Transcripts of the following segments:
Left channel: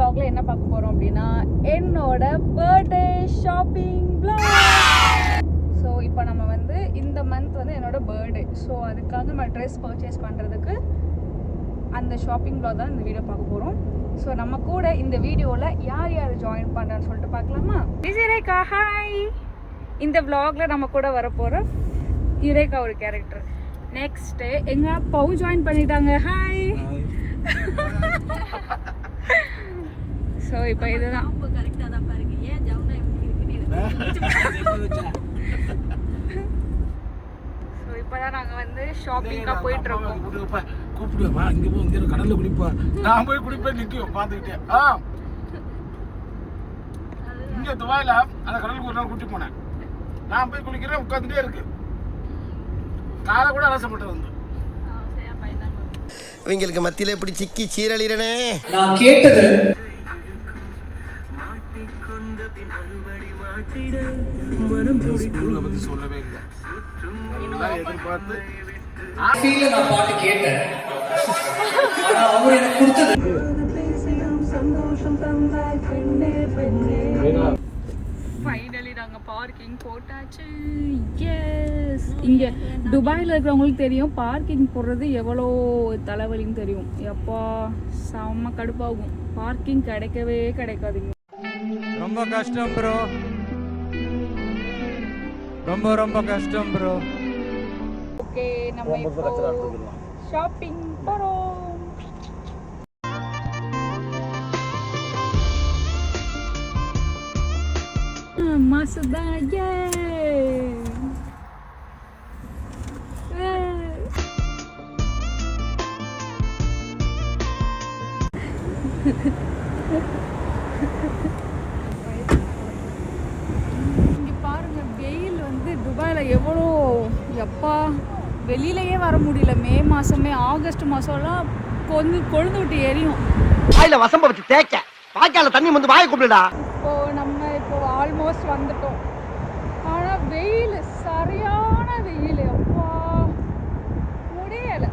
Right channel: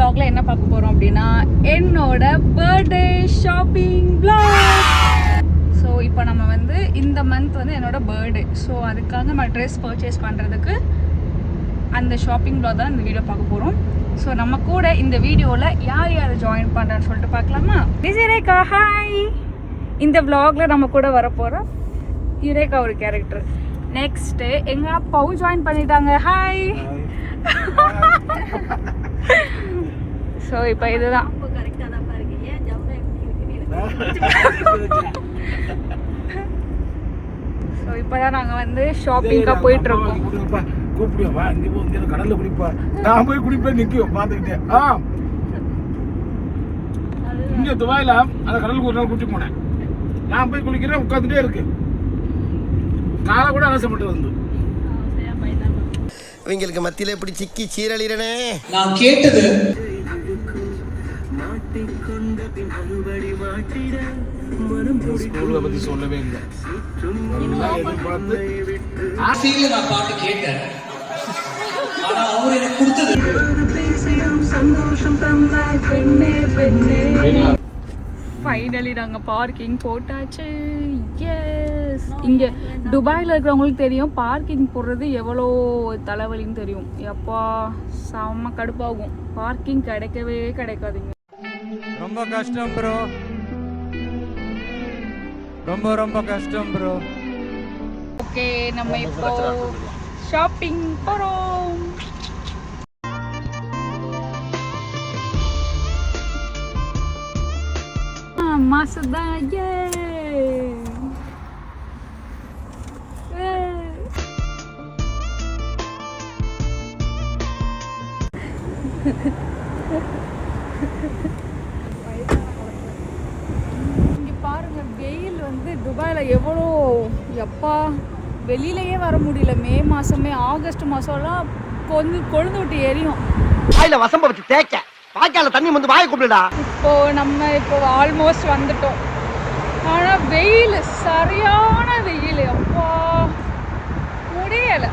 vlogல என்ன பார்க்க போறோம் அப்படின்னா என்னோட பர்த்டே ஷாப்பிங் vlog. ஸோ இப்போ நம்ம வந்து இந்த மந்த் வந்து என்னோட பர்த்டே. ஸோ அதுக்காக நம்ம ட்ரெஸ் பர்ச்சேஸ் பண்ணுறதுக்கு அந்த ஷாப்பிங் vlog தான் இந்த வீடியோ பார்க்க போகிறோம். ஸோ நம்ம கூட இந்த வீடியோவில் யார் யார் ஜாயின் பண்ணுறான்னு சொல்லிட்டு பார்க்கலாமா? விஜயரேகா ஹாய். இந்த vlogல நம்ம கூட வரப்போகிறோம் யுரேகா ஒரு கேரக்டர். நெக்ஸ்ட்டு எங்கள் அப்பாவும் ஜாயின் பண்ணிட்டாங்க. ஹாய். ஸோ இப்போ இதுதான் ஸோ இப்போ தான் நாங்கள் வந்து ஷாப்பிங்காக போயிட்டுருக்கோம். கூப்பிடுவா இங்கே போ, இங்கே கடல்ல குடிப்பா, நான் போய் குடிப்பேன் நிற்கும் பார்த்துக்கிட்டேன். இங்கே துபாயில் அந்த கடலுக்கு ஒரு நாள் குடிச்சு போனேன். நான் போய் குளிக்கிறேன், உட்காந்துட்டே இருக்கு, காலை கூட அலசப்பட்டு வந்து இவங்களுக்கு மத்தியில எப்படி சிக்கி சீரழிறனே. நான் கேட்டது ஸ்கூலை பத்தி சொல்லவே இல்லை. நான் பாட்டு கேட்டேன், ஆனா அவர் எனக்கு கொடுத்தது. ஃபைனலி நாங்கள் பார்க்கிங் போட்டாச்சு. எஸ், இங்கே துபாயில் இருக்கிறவங்களுக்கு தெரியும் பார்க்கிங் போடுறது எவ்வளோ தலைவலின்னு தெரியும். எப்பா செம்ம கடுப்பாகும், பார்க்கிங் கிடைக்கவே கிடைக்காதுங்க. ரொம்ப கஷ்டம் ப்ரோ, ரொம்ப ரொம்ப கஷ்டம் ப்ரோ. ஓகே, நம்ம இப்போ ஷாப்பிங் போகிறோம். மாசுதா ஏ இங்க பாருங்க, வெயில் வந்து துபாயில் எவ்வளோ, எப்பா வெளியிலயே வர முடியல. மே மாசமே ஆகஸ்ட் மாசம்லாம் கொஞ்சம் கொழுந்து விட்டு எரியும். வாயில வசம்ப வச்சு தேய்க்க வாய்க்கால தண்ணி வந்து வாயை கூப்பிடுடா. இப்போ ஆல்மோஸ்ட் வந்துட்டோம். ஆனா வெயில் சரியான வெயில், அப்பா முடியல.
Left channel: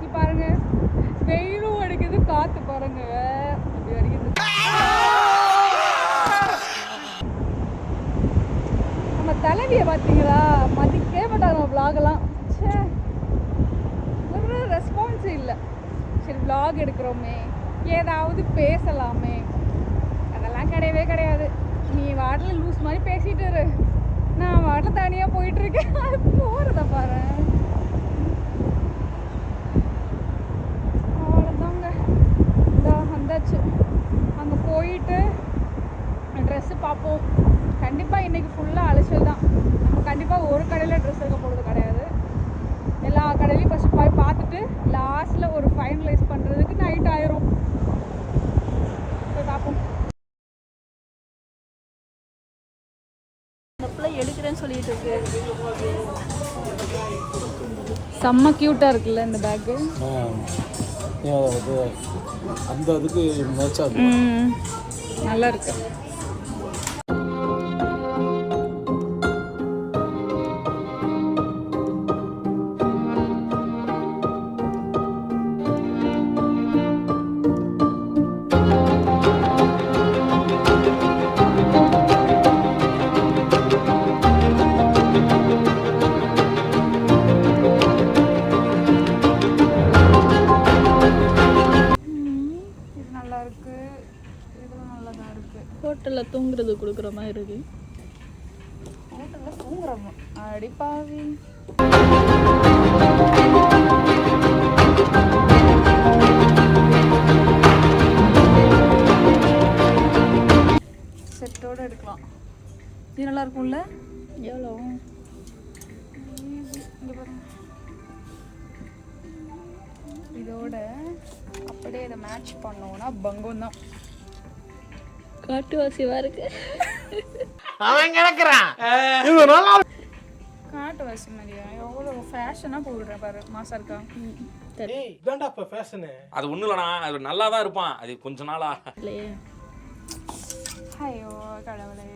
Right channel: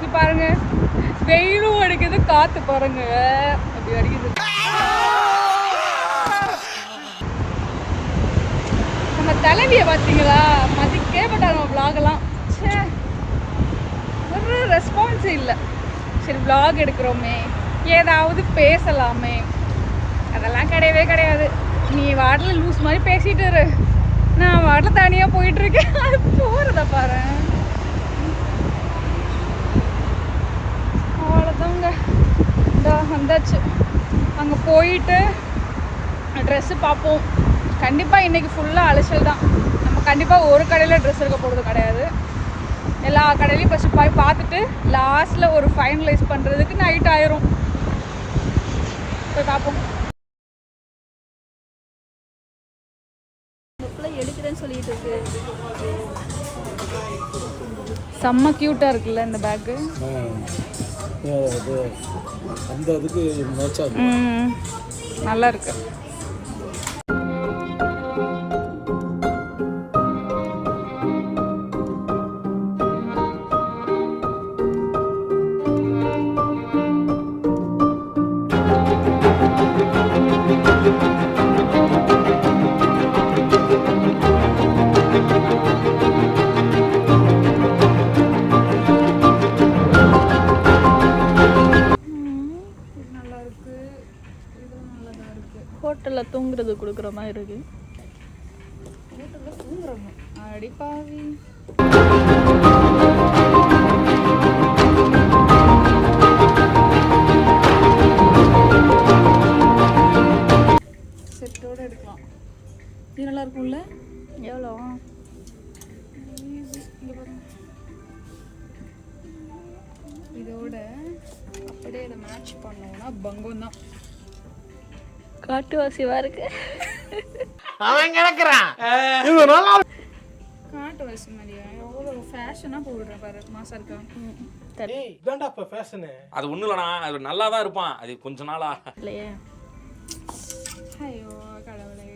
நீ பாருங்க, வெயிலும் அடிக்குது, காத்து பாருங்க அப்படி அடிக்குது. நம்ம தலைவியை பார்த்தீங்களா, மதிக்கே மாட்டாங்க நம்ம vlog-எல்லாம். ஒரு ரெஸ்பான்ஸ் இல்லை. சரி vlog எடுக்கிறோமே, ஏதாவது பேசலாமே, அதெல்லாம் கிடையவே கிடையாது. நீ வாட்டில் லூஸ் மாதிரி பேசிட்டு இரு, நான் வாட்டில் தனியாக போயிட்டு இருக்கேன். அது போகிறத பாரு, அவ்வளோதாங்க. வந்தாச்சு. அங்கே போயிட்டு ட்ரெஸ்ஸு பார்ப்போம். கண்டிப்பாக இன்றைக்கி ஃபுல்லாக அலைச்சல் தான். நம்ம கண்டிப்பாக ஒரு கடையில் ட்ரெஸ் எடுக்க போகிறது கிடையாது. எல்லா கடையிலையும் ஃபஸ்ட்டு போய் பார்த்துட்டு லாஸ்ட்டில் ஒரு ஃபைனலைஸ் பண்ணுறதுக்கு நைட் ஆயிரும். போய் பார்ப்போம். எடுக்கிறேன்னு சொல்லிட்டு இருக்கு. செம்ம க்யூட்டாக இருக்குல்ல இந்த பேக்கு. அந்த அதுக்கு மேட்சா நல்லா இருக்கு. ஹோட்டலில் தூங்குறது கொடுக்குற மாதிரி இருக்கு. ஹோட்டலில் தூங்குறாங்க அடிப்பாவி. செட்டோடு எடுக்கலாம். இது நல்லா இருக்கும்ல. எவ்வளோ? இங்கே பாருங்க, இதோட அப்படியே இதை மேட்ச் பண்ணோன்னா பங்கம் தான். காட்டுவாசிவா இருக்கு. அவன் கிடக்குறான். காட்டு வாசி மாதிரியா? எவ்வளோ ஃபேஷனாக போடுற பாரு, மாசா இருக்கா. அது ஒன்றும் இல்லைண்ணா, அது நல்லா தான் இருப்பான். அது கொஞ்ச நாளா இல்லையே. ஐயோ கடவுளே.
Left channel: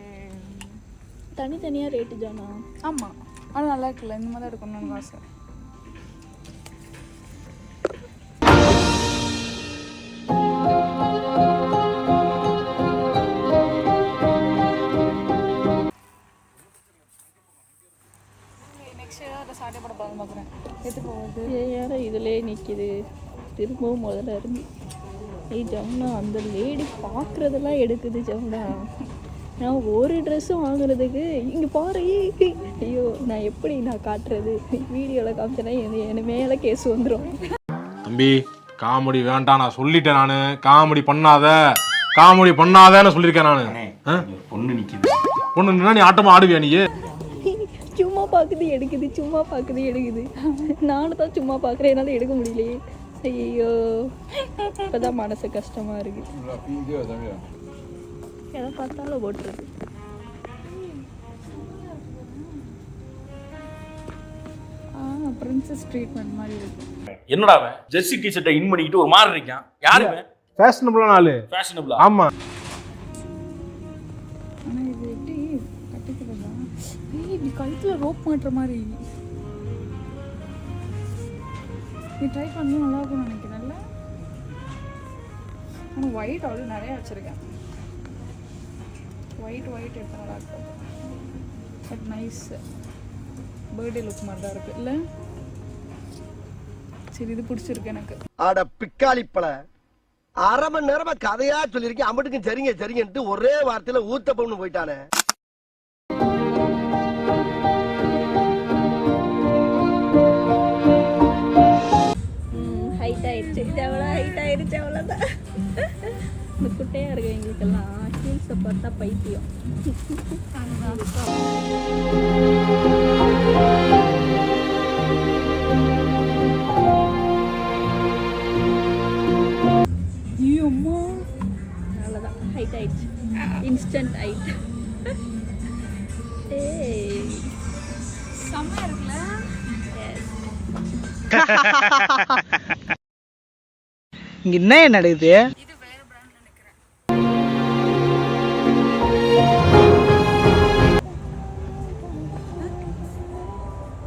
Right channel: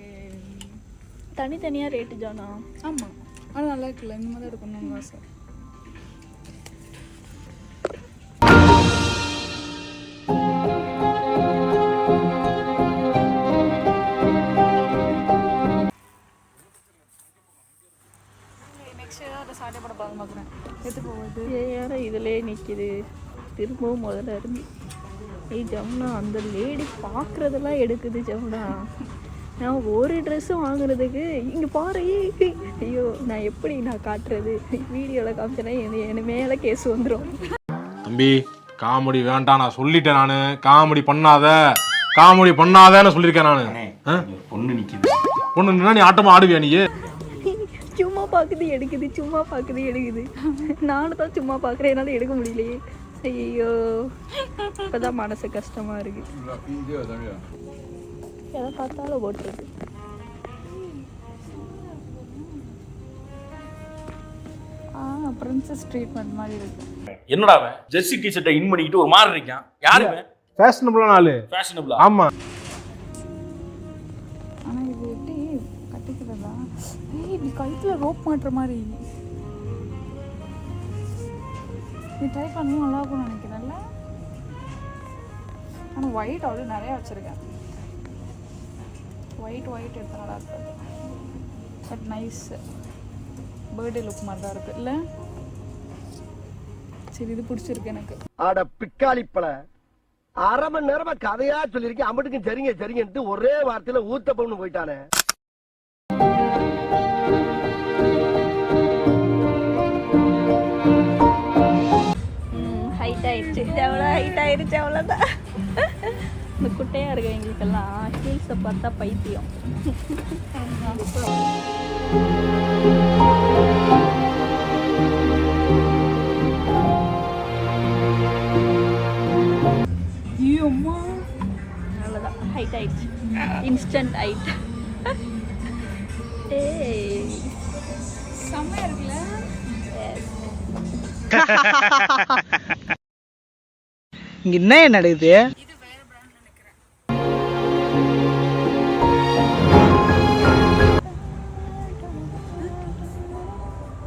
தனித்தனியாக ரேட்டு ஜானா? ஆமாம், அது நல்லா இருக்குல்ல. இந்த மாதிரி தான் இருக்கணும்னு ஆசை. நெக்ஸ்ட் ஏதாவது சாட்டை போட பார்க்குறேன் எது போகுது ஏன் இதுலேயே நிற்கிது திரும்பவும் முதல்ல இருந்து. ஏய் ஜமுனா, அந்த லேடி பார்க்குறதெல்லாம் எடுக்குது ஜமுனா. நான் ஒரு ட்ரெஸ்ஸும் வாங்குறதுக்கு இங்கே பாரு. ஐயோ, நான் எப்படி நான் காட்டுறது? வீடியோவில் காமிச்சேன்னா என் மேலே கேஸ் வந்துடும். தம்பி காமெடி வேண்டாம், நான் சொல்லிட்டேன். நான் காமெடி பண்ணாதேன்னு சொல்லியிருக்கேன். நான் பொண்ணு நின்னா நீ ஆட்டமா ஆடுவியா? நீ சும்மா பார்க்குது எடுக்குது, சும்மா பார்க்குது எடுக்குது. நானும் தான் சும்மா பார்க்குறேன், என்னால் எடுக்க முடியலையே. ஐயோ, இப்போதான் மனசு கஷ்டமா இருக்கு. எதை பார்த்தாலும் போட்டுருக்கு. பிரின்சஸ் ட்ரீட்மெண்ட் மாதிரி இருக்கு. என்னடா அவன் ஜெர்சி டிஷர்ட்டை இன் பண்ணிக்கிட்டு ஒரு மாதிரி இருக்கான். யாருமே ஃபேஷனபிளான ஆளு. ஃபேஷனபிளா? ஆமா. ஆனால் இது எப்படி கட்டிக்கிறதா? இப்படி கழுத்தில் ரோப் மாட்டுற மாதிரி. நீ ட்ரை பண்ணி நல்லா இருக்கும்னு நினைக்கிறேன்ல. ஆனால் ஒயிட் ஆல்ரெடி நிறையா வச்சுருக்கேன். ஒயிட் எடுத்து நல்லா இருக்காது. பட் நைஸ் பர்த்டே லுக் மாதிரி தான் இருக்குது இல்லை? சரி, இது பிடிச்சிருக்கு எனக்கு. ஆட பிக்காளிப்பழ 1/2 மணி நேரமா கதையா சொல்லியிருக்கேன். அம்பட்டுக்கும் சரிங்கன்ட்டு ஒரே வார்த்தையில ஊத்தப்பம்னு போயிட்டானே. ஹைட் ஆயிடுச்சு, ஹைட் ஆயிடுச்சு, அவ்வளோதான். இந்த குட்டையாக இருக்க எங்களுக்கெல்லாம் ஹீல்ஸை பார்த்தா பைத்தியம். அவ்வளோதான், ஹைட் ஆயிடுச்சு. Instant hide. செம்மையா இருக்குல்ல? இங்க என்ன நடக்குது? இது வேற பிராண்ட் நினைக்கிறேன்.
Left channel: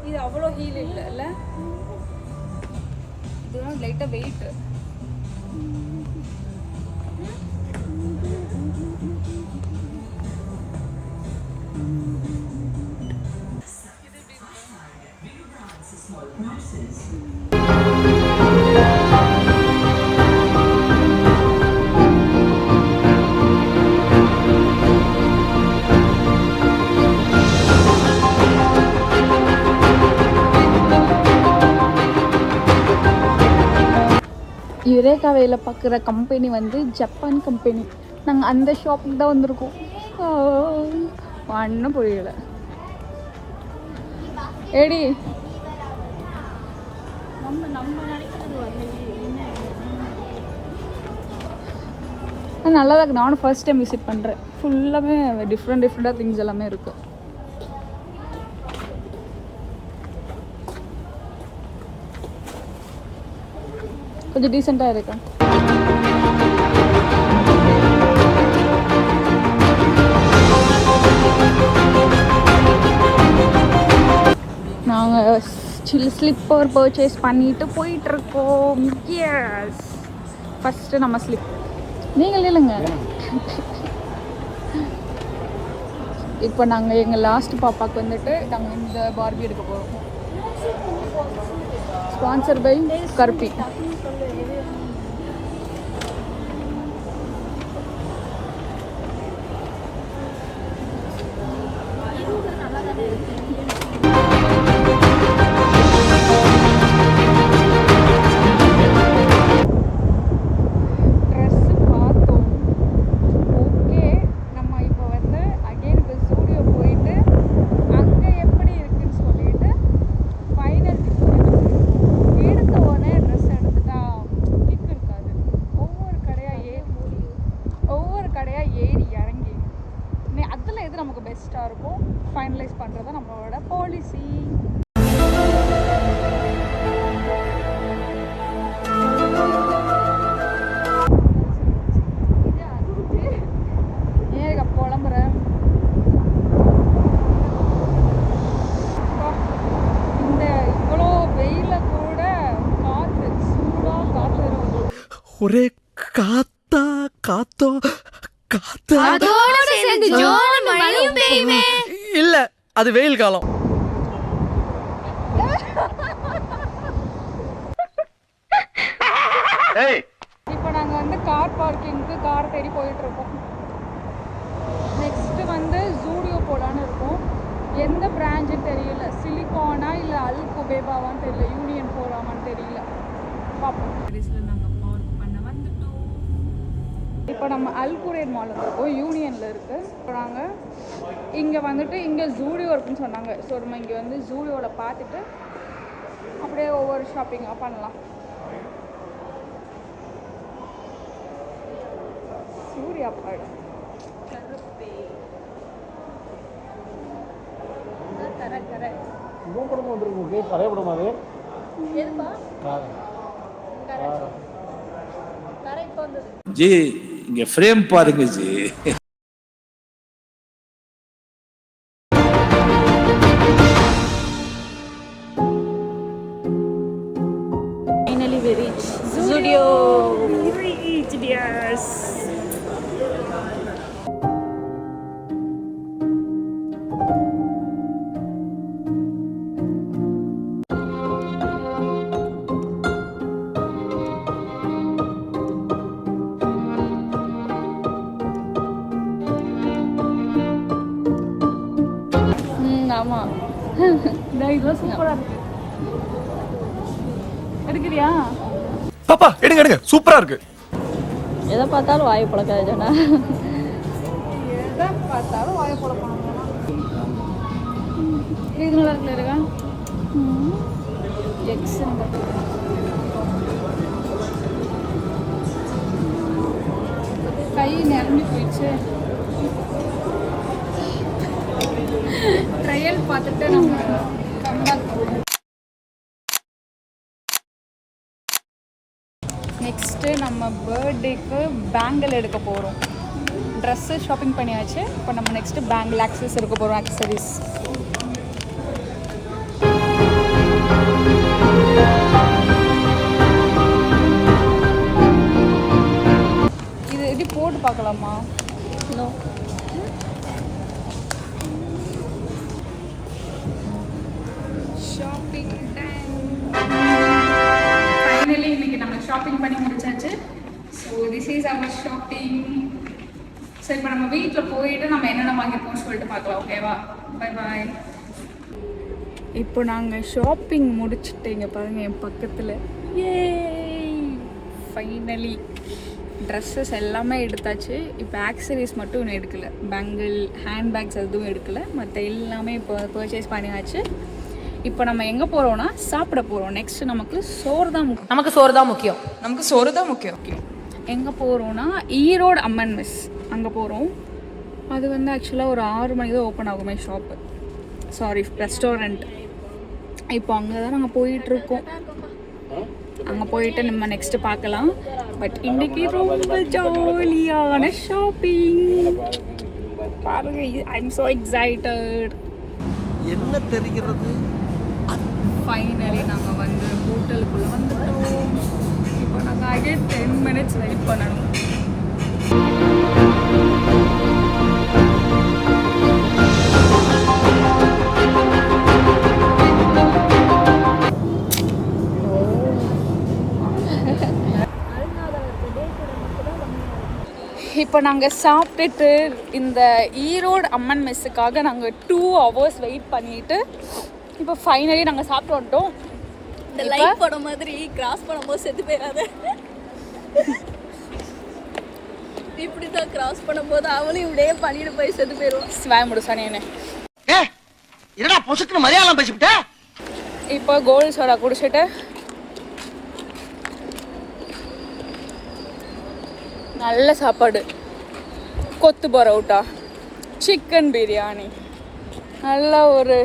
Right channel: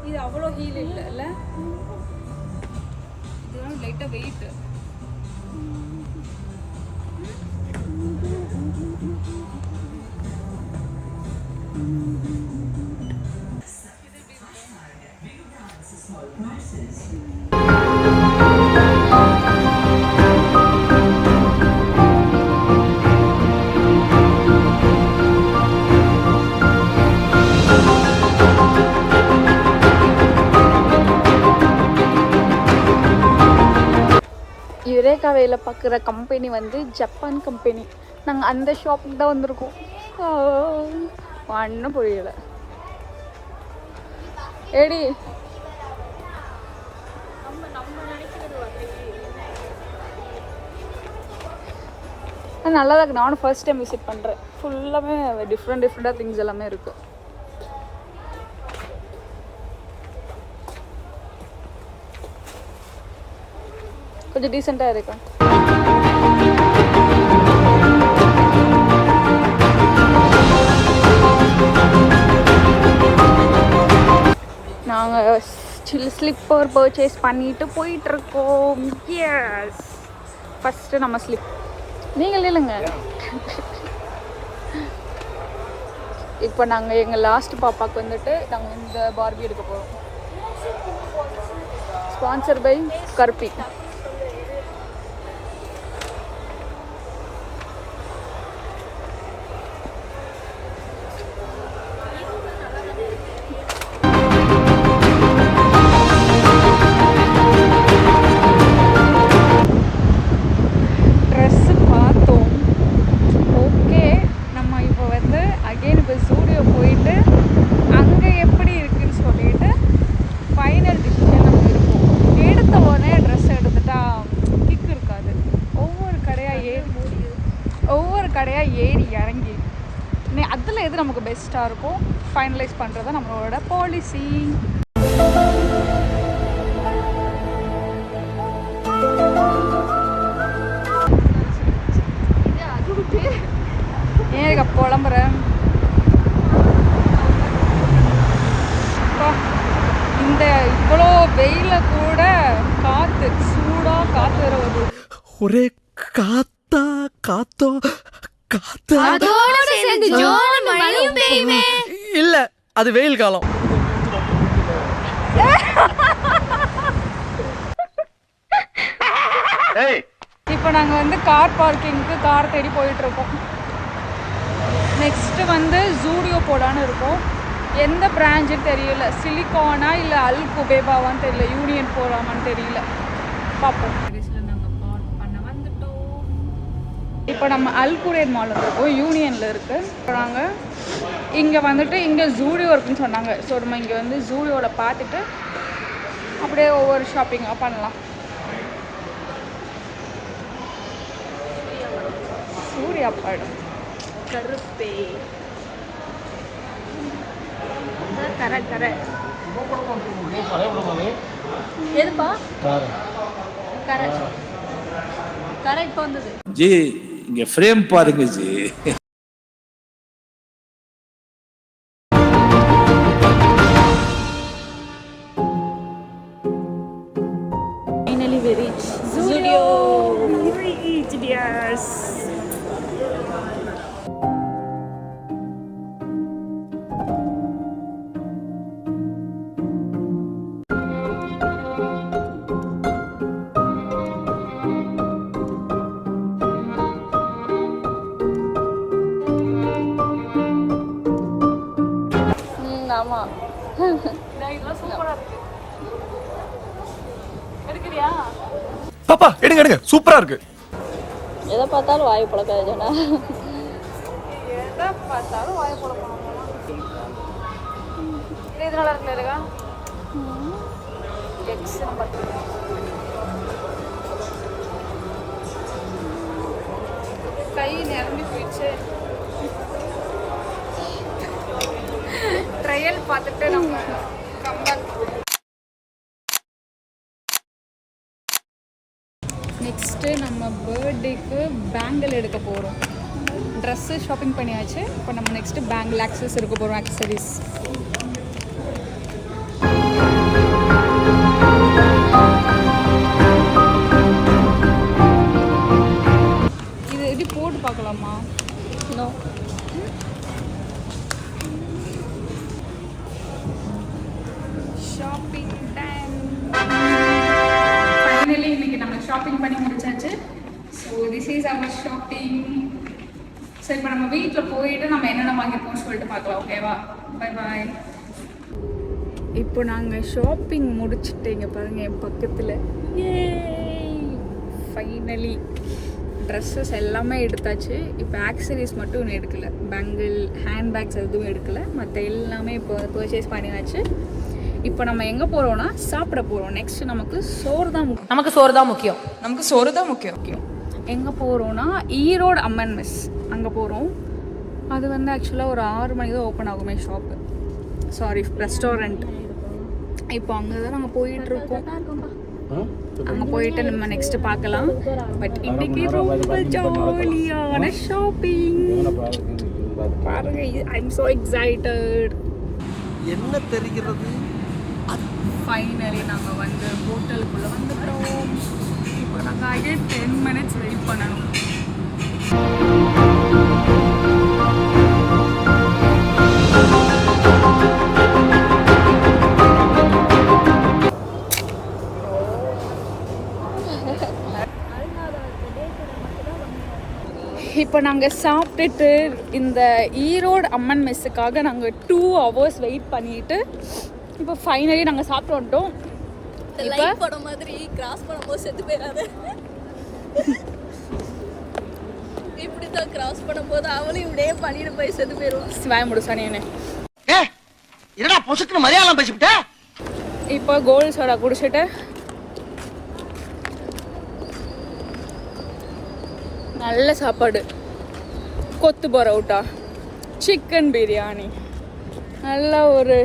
இது அவ்வளோ ஹீல் இல்ல. இது லைட்டா வெயிட். யுரேகா வேலை பார்க்குற கம்பெனி வந்து ஜப்பான் கம்பெனி. நாங்கள் அந்த ஷாப்பில் தான் வந்திருக்கோம். ஒன்றும் புரியல. ஏடி நம்ம நினைக்கிறது வந்து நல்லா இருக்கு. நானும் ஃபர்ஸ்ட் டைம் விசிட் பண்ணுறேன். ஃபுல்லாகவே டிஃப்ரெண்டாக திங்ஸ் எல்லாமே இருக்கும். கொஞ்சம் டீசெண்டாக இருக்கு. நாங்கள் ஸ்லிப்பர் பர்ச்சேஸ் பண்ணிட்டு போயிட்டு இருக்கோம். எஸ், ஃபர்ஸ்ட் நம்ம ஸ்லிப். நீங்கள் இல்லைங்க. இப்போ நாங்கள் எங்கள் லாஸ்ட் பாப்பாக்கு வந்துட்டு நம்ம இந்த பார்பி எடுப்போம். Sponsor by Karuppi. ட்ரெஸ்ஸு பார்த்தோம். ஓகே, நம்ம இப்போ வந்து அகெயின் இப்போ ஸ்டூடியோ போயிட்டு அங்கே எப்படி இருக்குன்னு சொல்லிட்டு ஃபைனல் டிசிஷன் நம்ம இருக்கும். எடுத்த உடனே ட்ரெஸ் எடுத்துட்டா கிக் இருக்காது. ஒவ்வொரு கடையாக ஏறி இறங்கி அதில் எது நமக்கு பெஸ்ட்டாக இருக்கும் ஃபைனலைஸ் பண்ணுறது தான் நம்மளோட பாலிசி. ஏங்க புலம்புறேன். இந்த இவ்வளோ வெயில கூட காற்று சூடாக காற்று வர வருது. ஒரே காத்தா காத்தோ காத்தா. இல்ல, அது வெயில் காலம். கார் பார்க்கிங்க்கு கார் தேடி போயிட்டுருக்கோம். நெக்ஸ்ட்டு வந்து ஜூடியோ போடான்னு இருக்கும். எந்த பிரான்ச்சுன்னு தெரியல, சிலிகானா இல்லை அல் குபேபாவான்னு தெரியல, யூனியன் போகலாமான்னு தெரியல, பார்ப்போம். நாங்கள் பார்க் பண்ண வந்துட்டோம். இப்போ நம்ம அல் குரேன் மால் இருக்கோம், யூனியனில் இருக்குது. இப்போ நாங்கள் இங்கே வந்துட்டு இங்கே ஜூடியோ இருக்குன்னு சொன்னாங்க. ஸோ நம்ம இங்கே வந்து ஜூடியோவில் பார்த்துட்டு அப்படியே ஒவ்வொரு ஷாப்பிங்காக பண்ணலாம். சூர்யா படம் கருப்பே கரெக்ட் எதுப்பா கரெக்ட் வந்தது ஜி இங்க ஃப்ரேம் பாருங்க G. Finally we reach Zudio. We reached, yes. இதெல்லாம் சூப்பராக இருக்கு. எடுக்கிறியா? பாப்பா எடுங்க எடுங்க, சூப்பரா இருக்கு. எதை பார்த்தாலும் வாய் புழக்காதுடா. எதை பார்த்தாலும் வாய் புழக்கணும். இது நல்லா இருக்குல்ல இருக்கா? எக்ஸ் நம்பர் கை நிரம்பி போயிடுச்சு. ட்ரையல் பார்த்துட்டு நம்ம கம்பேக் பண்ணுவோம். நெக்ஸ்ட்டு நம்ம பர்த்டேக்கு பேங்கிள் எடுக்க போகிறோம். ட்ரெஸ்ஸு ஷாப்பிங் பண்ணியாச்சு. இப்போ நம்ம நெக்ஸ்ட்டு பேங்கிள் ஆக்சஸ் எடுக்க போகிறோம், ஆக்சரிஸ். இது எப்படி போட்டு பார்க்கலாமா? நோ. Shopping time. ஃபைனலி இன்னைக்கு நம்ம ஷாப்பிங் பண்ணி முடிச்சாச்சு. So this is our shopping. So இப்போ நம்ம வீட்டில் போயிட்டு நம்ம என்னென்ன வாங்கியிருக்கோம்னு சொல்லிட்டு பார்க்கலாம். ஓகேவா? Bye bye. இப்போ நாங்கள் ஷாப்பிங் முடிச்சுட்டு இங்கே பாருங்கள் என் பக்கத்தில். ஏ ஃபைனலி ட்ரெஸ்ஸஸ் எல்லாமே எடுத்தாச்சு. இப்போ ஆக்சரிஸ் மட்டும் ஒன்று எடுக்கலை. பேங்கிள், ஹேண்ட்பேக்ஸ் எதுவும் எடுக்கலை. மற்ற எல்லாமே இப்போ பர்ச்சேஸ் பண்ணியாச்சு. இப்போ நம்ம எங்கே போகிறோம்னா சாப்பிட போகிறோம். நெக்ஸ்ட் நமக்கு சோறு தான் முக்கியம். நமக்கு சோறு தான் முக்கியம். நமக்கு சோறு தான் முக்கியம். எங்கே போகிறோன்னா ஈரோடு அம்மன் மெஸ் அங்கே போகிறோம். அது வந்து ஆக்சுவலாக ஒரு 6 மணிக்கு தான் ஓப்பன் ஆகுமே ஷாப்பு, சாரி ரெஸ்டாரண்ட். இப்போ அங்கே தான் நாங்கள் போயிட்டுருக்கோம். அங்கே போயிட்டு நம்ம நெக்ஸ்ட்டு பார்க்கலாம். பட் இன்றைக்கி ரொம்ப ஜாலியான ஷாப்பிங் பாருங்க. I am so excited. என்ன தெரிகிறது? ஃபைனலி நாங்கள் வந்து ஹோட்டலுக்குள்ளே வந்துட்டோம். இப்போ நாங்கள் அகைன் 10 minutes வெயிட் பண்ணணும். இப்போ நாங்கள் சாப்பிட்டுட்டு இந்த ஈரோடு அம்மன் மெஸ்ஸுக்காக நாங்கள் 2 hours வெயிட் பண்ணிட்டு இப்போ ஃபைனலி நாங்கள் சாப்பிட்டு வந்துட்டோம். இப்போ போட மாதிரி கிராஸ் பண்ணும்போது செத்து போயிடாத. இப்படி தான் கிராஸ் பண்ணும்போது அவனும் இப்படியே பண்ணிட்டு போய் செத்து போயிடுவான். ஸ்வாய் முடிச்சானே என்ன என்னடா பொசுக்குன்னு மலையாளம் பேசிவிட்ட? இப்போ கோல்ட் சோடா குடிச்சிட்டு நல்ல சாப்பாடு, கொத்து பரோட்டா, சிக்கன் பிரியாணி, நல்ல ஒரு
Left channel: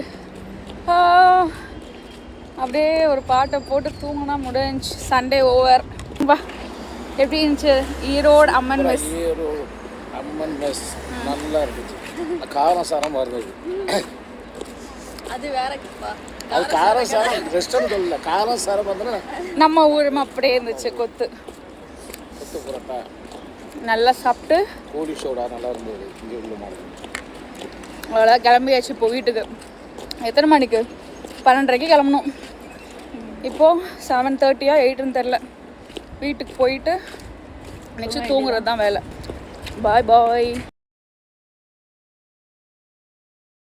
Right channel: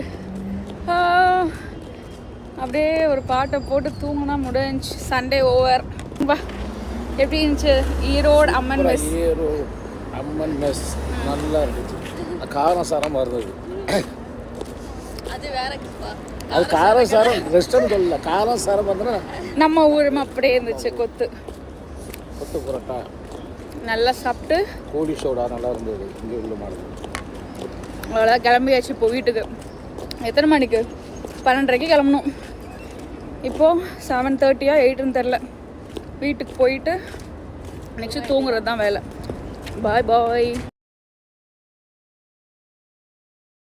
அப்படியே ஒரு பாட்டை போட்டு தூங்கினா முடிஞ்சு. Sunday over. வா, எப்படி இருந்துச்சு ஈரோடு அம்மன் மெஸ்? அம்மன் மெஸ் நல்லா இருந்துச்சு. காரம் சாரமாக இருந்தது. அது வேற. அது காரம் சாரம் ரெஸ்டாரண்ட் சொல்லல, காரம் சாரம் வந்தனா நம்ம ஊரும் அப்படியே இருந்துச்சு. கொத்து புரோட்டா நல்லா சாப்பிட்டு கோழி சோடா நல்லா இருந்தது. இங்கே உள்ள மாதிரி அவ்வளோ கிளம்பியாச்சு இப்போ வீட்டுக்கு. எத்தனை மணிக்கு? 12:30 கிளம்பணும். இப்போது 7:30 8ன்னு தெரில. வீட்டுக்கு போயிட்டு நெக்ஸ்ட் தூங்குறது தான் வேலை. பாய் பாய்.